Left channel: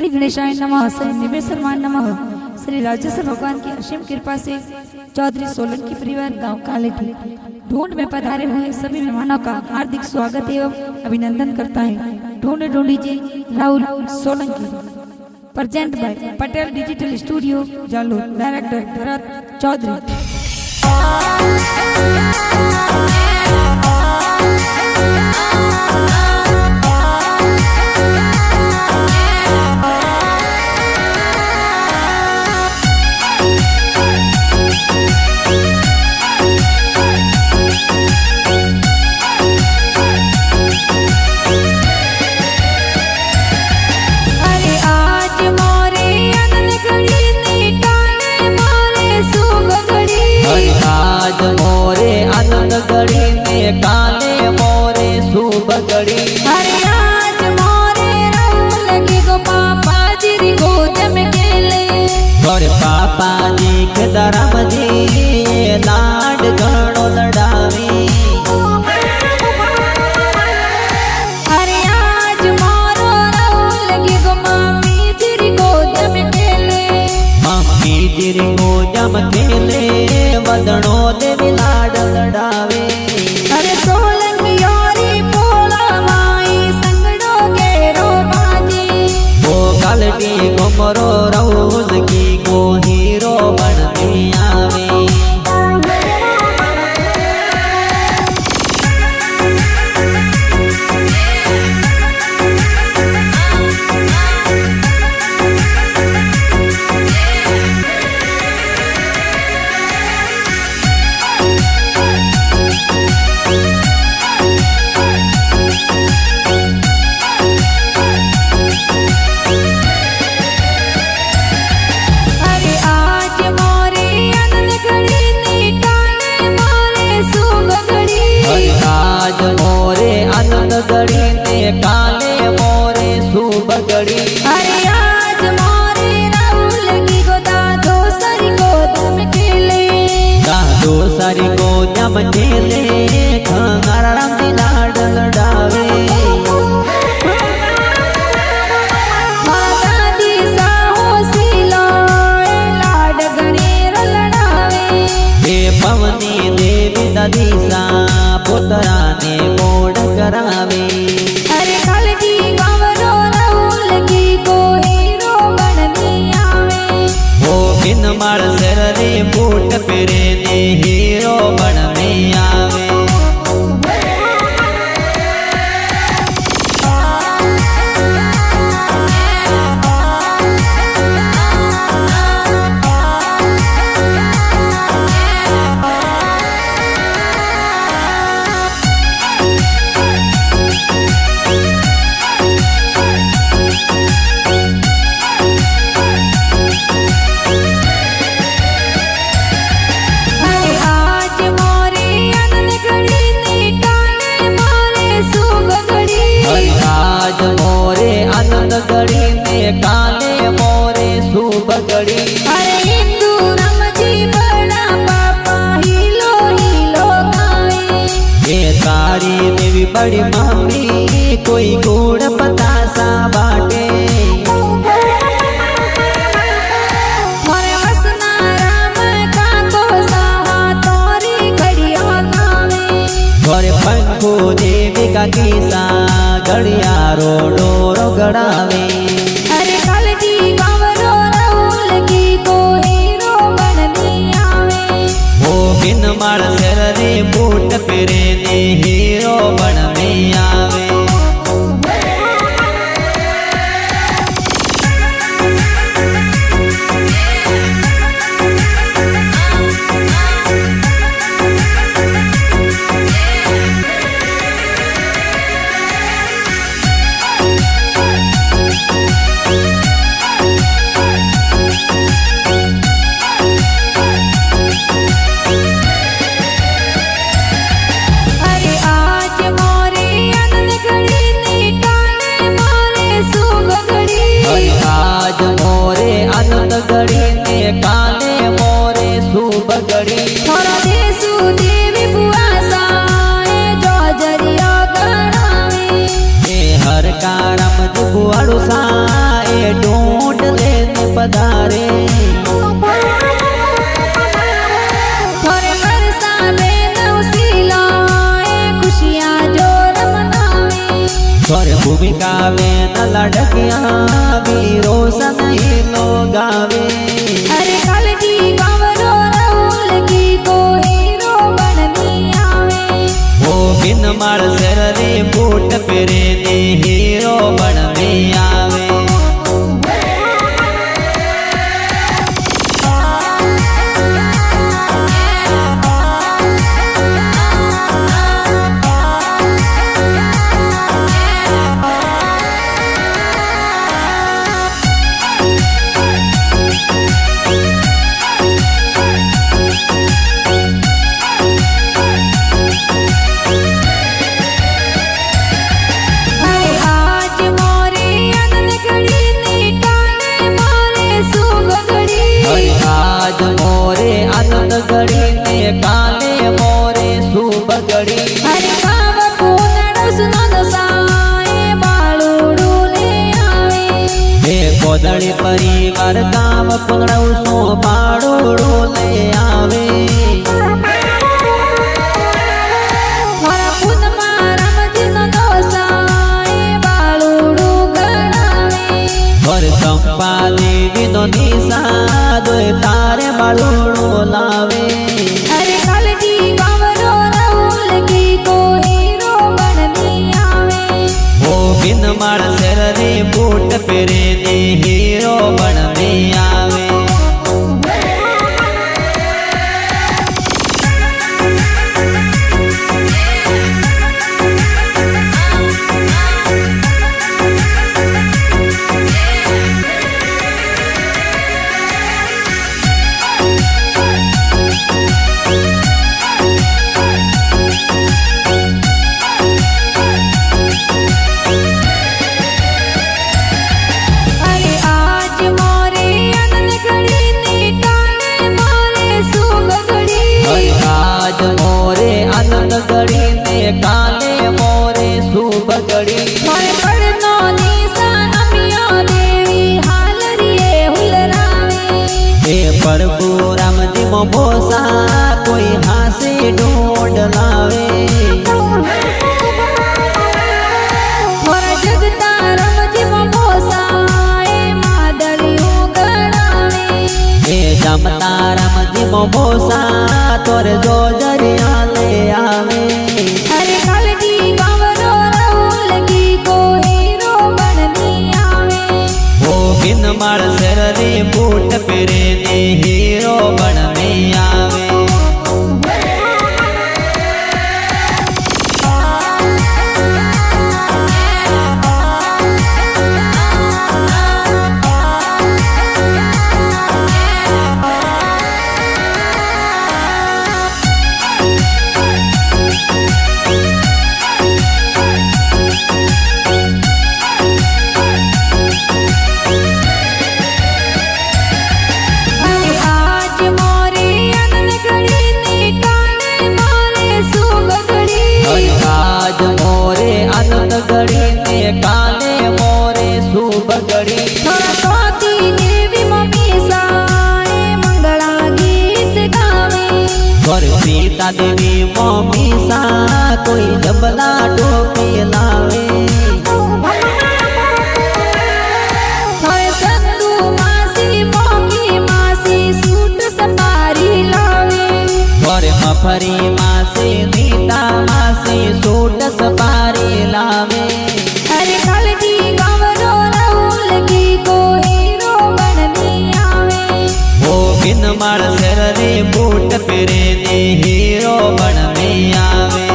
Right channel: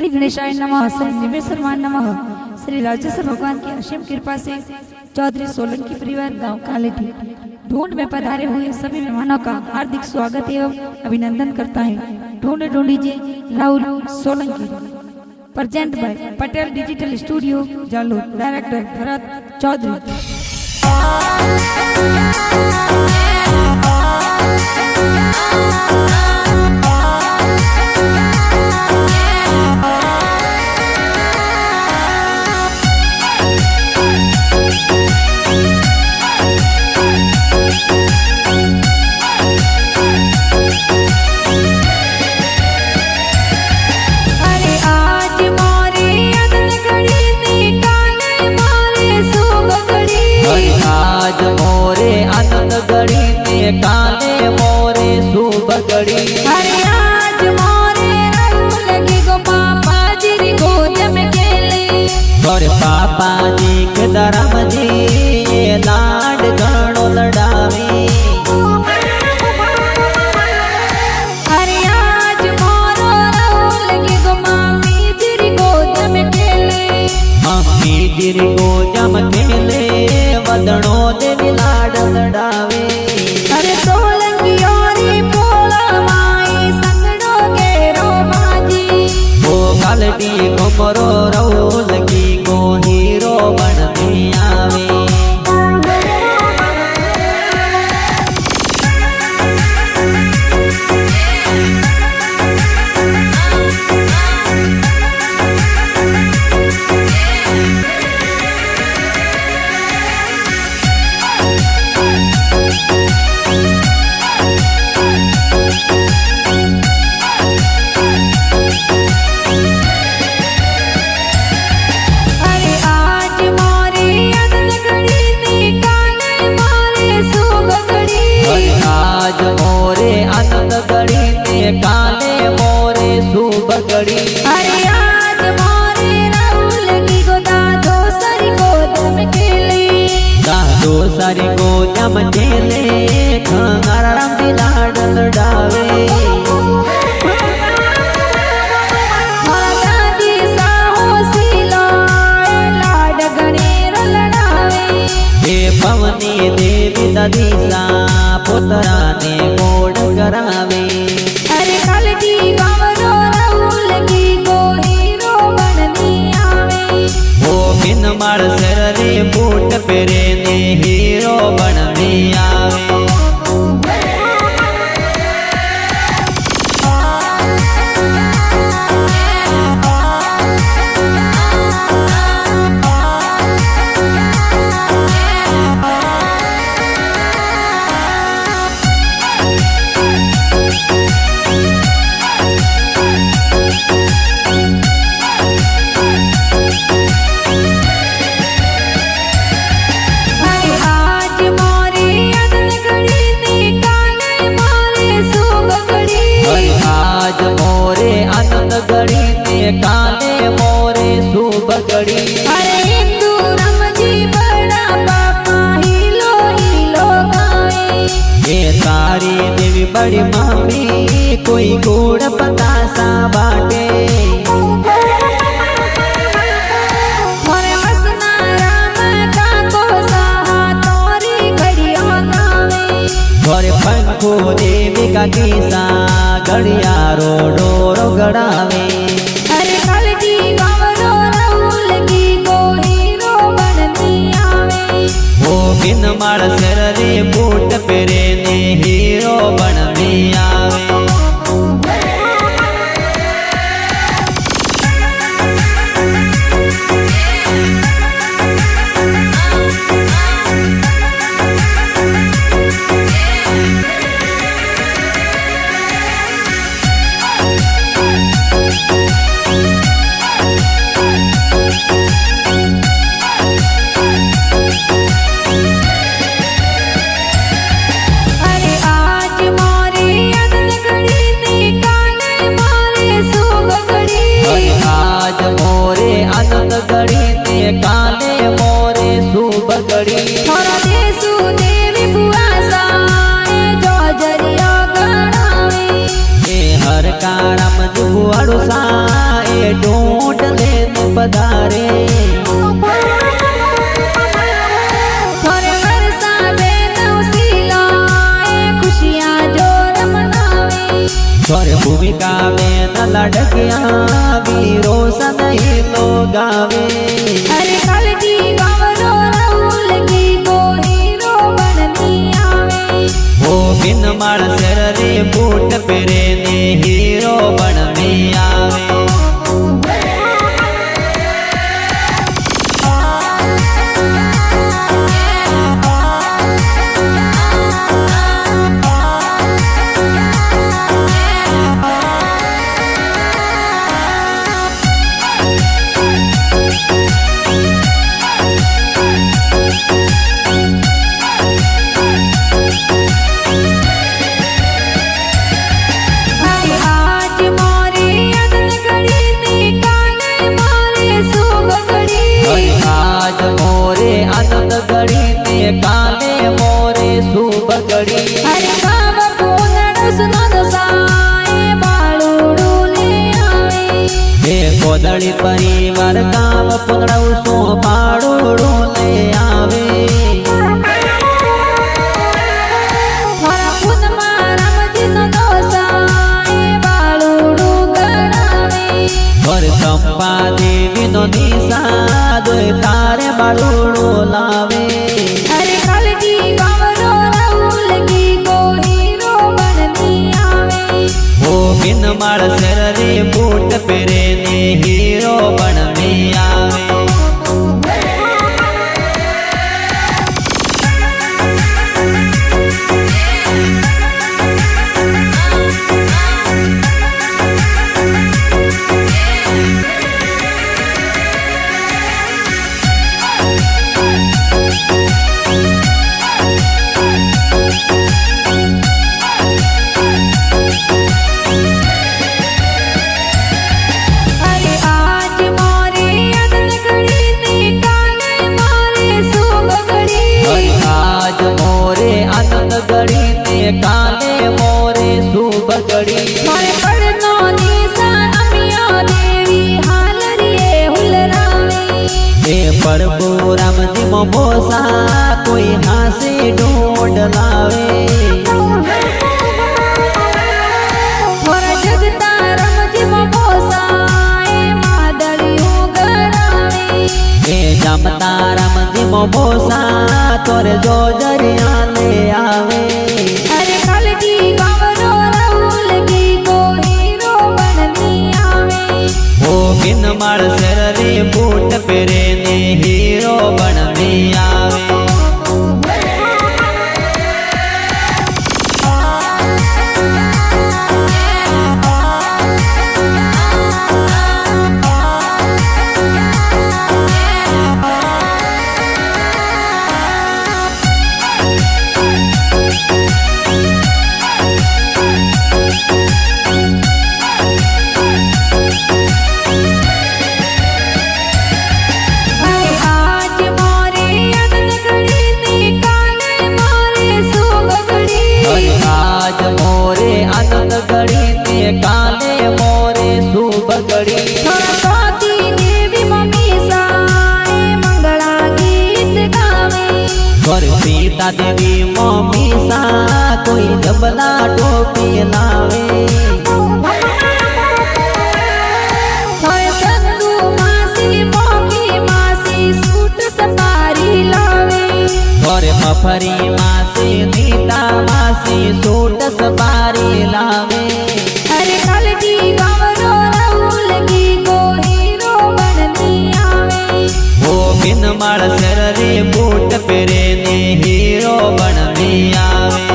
श्री गणेशाय नमः, श्री निमेश्वर नमः। श्री राजेश्वर भगवान की असीम कृपा से चौधरी सोलंकी परिवार गांव कालेठी ढूंढ में पधारे हुए सभी मेहमानों का हार्दिक स्वागत एवं अभिनंदन करता है। ढूंढीजे Rahul Solanki. Present by Patel digital studio Jalore. Director Bharat Chaudhary. आज मोरे आनंद गड़ी ने काले मोरे शुभ गड़ी। अरे आज मोरे रंग लगी गो पापा जी गोद में खेले। और पापा जी के धर्म जी लाड गणो लड़ावी। अरे आज मोरो रंग लगी गो मामी जी गोद में खेले। मम्मी जिरी को जम खेले वदनो देवी लाड लड़ावे। अरे सोलंकी औरी पोला माई संगड़ो गेरो बाजी। वो कालटी कुमरो राहुल की को हीरो बनने आवे। आज मोरे आनंद गड़ी ने काले मोरे शुभ गड़ी। अरे आज मोरे राहुल की गोदा दो सारी गोद में खेले। दो सारी गोद में खेले खंगारा राम जी लाड लड़ावे। दादी साहो सिलो लाड गणेर लड़ावे। हे पवनी देवी दादी सा पुतरा ने मोड़ करावे। अरे कालटी गावरो राहुल की को हीरो बनने आवे। वो बिन माल सर रे बूट पेरे ने हीरो बनने आवे। आज मोरे आनंद गड़ी ने काले मोरे शुभ गड़ी। अरे हिंदू राम जी बड़ा पापा हिलो हिलो गावे। ये तारी देवी बड़ी मम्मी कोई गुड़ बतासा बाटे। मोरे वसना राम का को सहा तोरी घड़िया नावे। और पंखो देवी का किसा गड़िया रो डोरो गड़ावे। अरे कालटी गावरो राहुल की को हीरो बनने आवे। वो बिन माल सर रे बूट पेरे ने हीरो बनने आवे। आज मोरे आनंद गड़ी ने काले मोरे शुभ गड़ी। थोड़ा देसु देवी बुआ साए जो जरिया गणावे। हर कारम जुगुआड़ू साए ढूंढ लेने पधारे थोरे वर्षा बेन उसीला खुशियाँ जोर मनावे थोरे भूमिका में न लड़किया वीरो सनई लोग गावे अरे कालटी गावरो राहुल की को हीरो बननी आवे वो बिन माल सिर रे बूट पेरे ने हीरो बनने आवे अरे आज मोरे अदन घड़ी ने काने मोरे सुबगड़ी हरि आज मोरे आनंद घड़ी ने काले मोरे शुभ घड़ी अरे गाव कोनड़ सुनो साए बाळूडू ले आवे हे कोदड़ी परिवार गांव पुनड़ऊ सो पाड़ोड़ो ले आवे थोरा पुन मारम जिनो दोसाए बाळूडू गणावे और संपा देवी नो निशा दोय तारे बाड़ोड़ो लावे अरे कालटी गावरो राहुल की को हीरो बननी आवे वो बिन माल सिर रे बूट पेरे ने हीरो बनने आवे अरे आज मोरे अदन घड़ी ने काने मोरे सुबगड़ी हरि आज मोरे आनंद घड़ी ने काले मोरे शुभ घड़ी मोरे पड़नो निशान अमिया देवी हालरिए हुलरावे हे प्रभु राम जी मोसा कोई हासे ढूंढ लावे थोरा जगता रम जी मोसाए मादलियों गणावे हे जमता राम जी मोसा तोरे जो जरिया ले आवे अरे कालटी गावरो राहुल की को हीरो बननी आवे वो बिन माल सिर रे बूट पेरे ने हीरो बनने आवे अरे आज मोरे अदन घड़ी ने काने मोरे सुबगड़ी हरि आज मोरे आनंद घड़ी ने काले मोरे शुभ घड़ी थोड़ा स्वाति देवी मम्मी साए मंगला गीत गावे और सीता देवी मम्मी सा कोई जबला टोपी लावे थोड़े संधू मासी मोकी मासी सूट सपारी लावे और मफरी मासी नीता मासी सूट सपारी लावे अरे कालटी गावरो राहुल की को हीरो बननी आवे वो बिन माल सिर रे बूट पेरे ने हीरो बनने आवे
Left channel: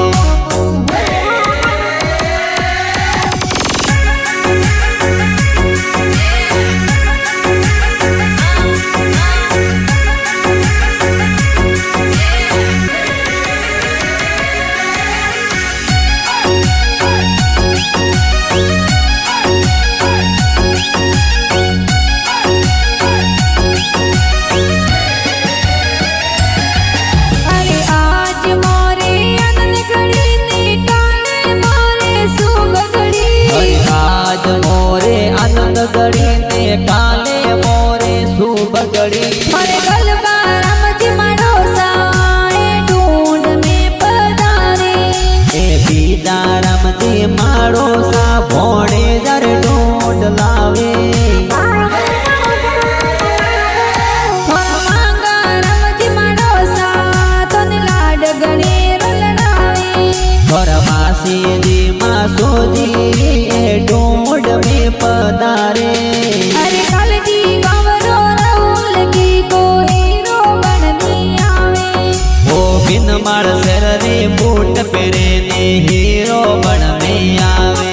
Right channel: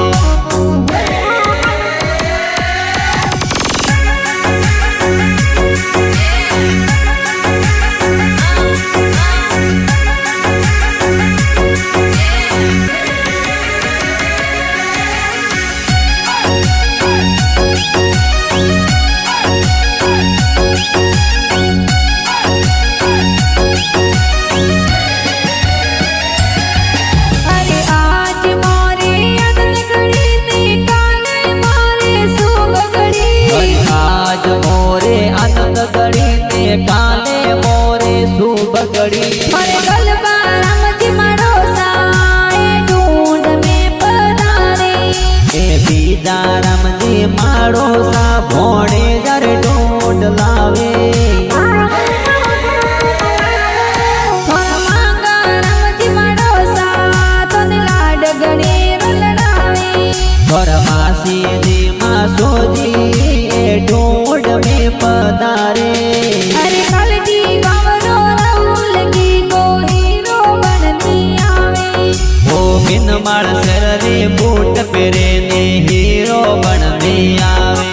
अरे आज मोरे अदन આનંદ ગળીને કાલે મોરે શુભ ગળી अरे गलबा राम जी मारो साए ढूंढ में पधारे એ બીજા રામજી માળો સા ભોણે જર ઢોંઢ લાવે थोर मांगा राम जी मारो सा तने लाड गणे रलड़ावे ઘર માસીજી માસોજી એ ઢોંઢ में પધારે अरे कालटी गावरो राहुल की को हीरो बननी आवे ઓ બિનમાળ શેર રે બૂટ પહેરે ને હીરો બનને આવે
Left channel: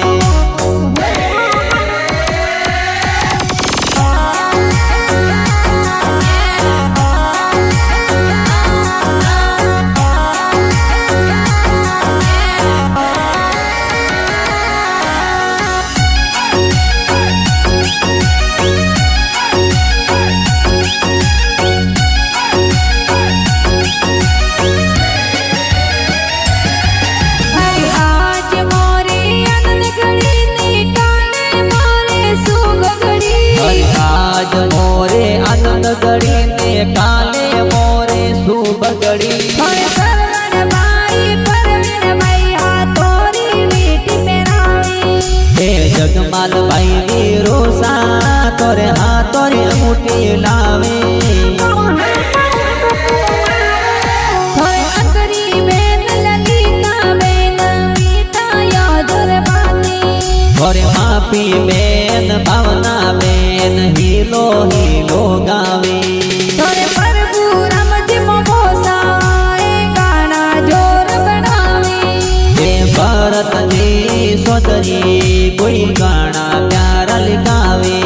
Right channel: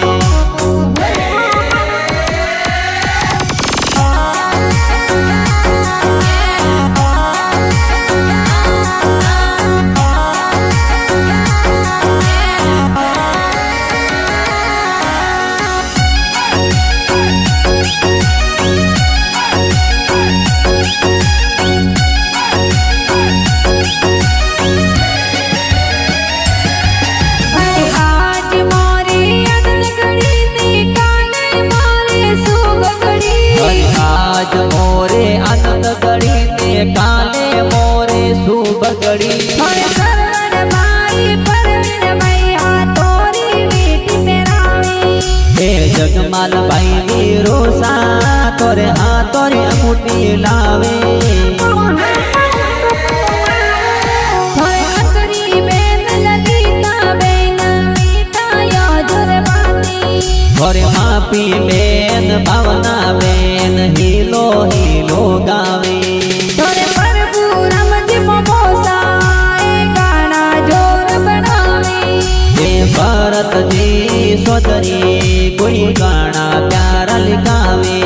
अरे आज मोरे आनंद घड़ी ने काले मोरे शुभ घड़ी હરિ આજ મોરે આનંદ ગળી ને કાલે મોરે શુભ ગળી थोड़े सरवण भाई परवीन भाई हाथोरी वीटी पेरावी હે જગમાલ ભાઈ વીરો સા તોરે હાથોરે અંગૂઠી લાવે थोड़े अंतरी बेन ललिता बेन मीठा योजर बाती ઘરે માપી બેન ભાવના બેન હીલો હીલો ગાવે थोड़े प्रभु राम जी मोसा गाना जोर बनावे હે ભરતજી સોદરી કોઈ ગાણા પ્યારા લિખાવે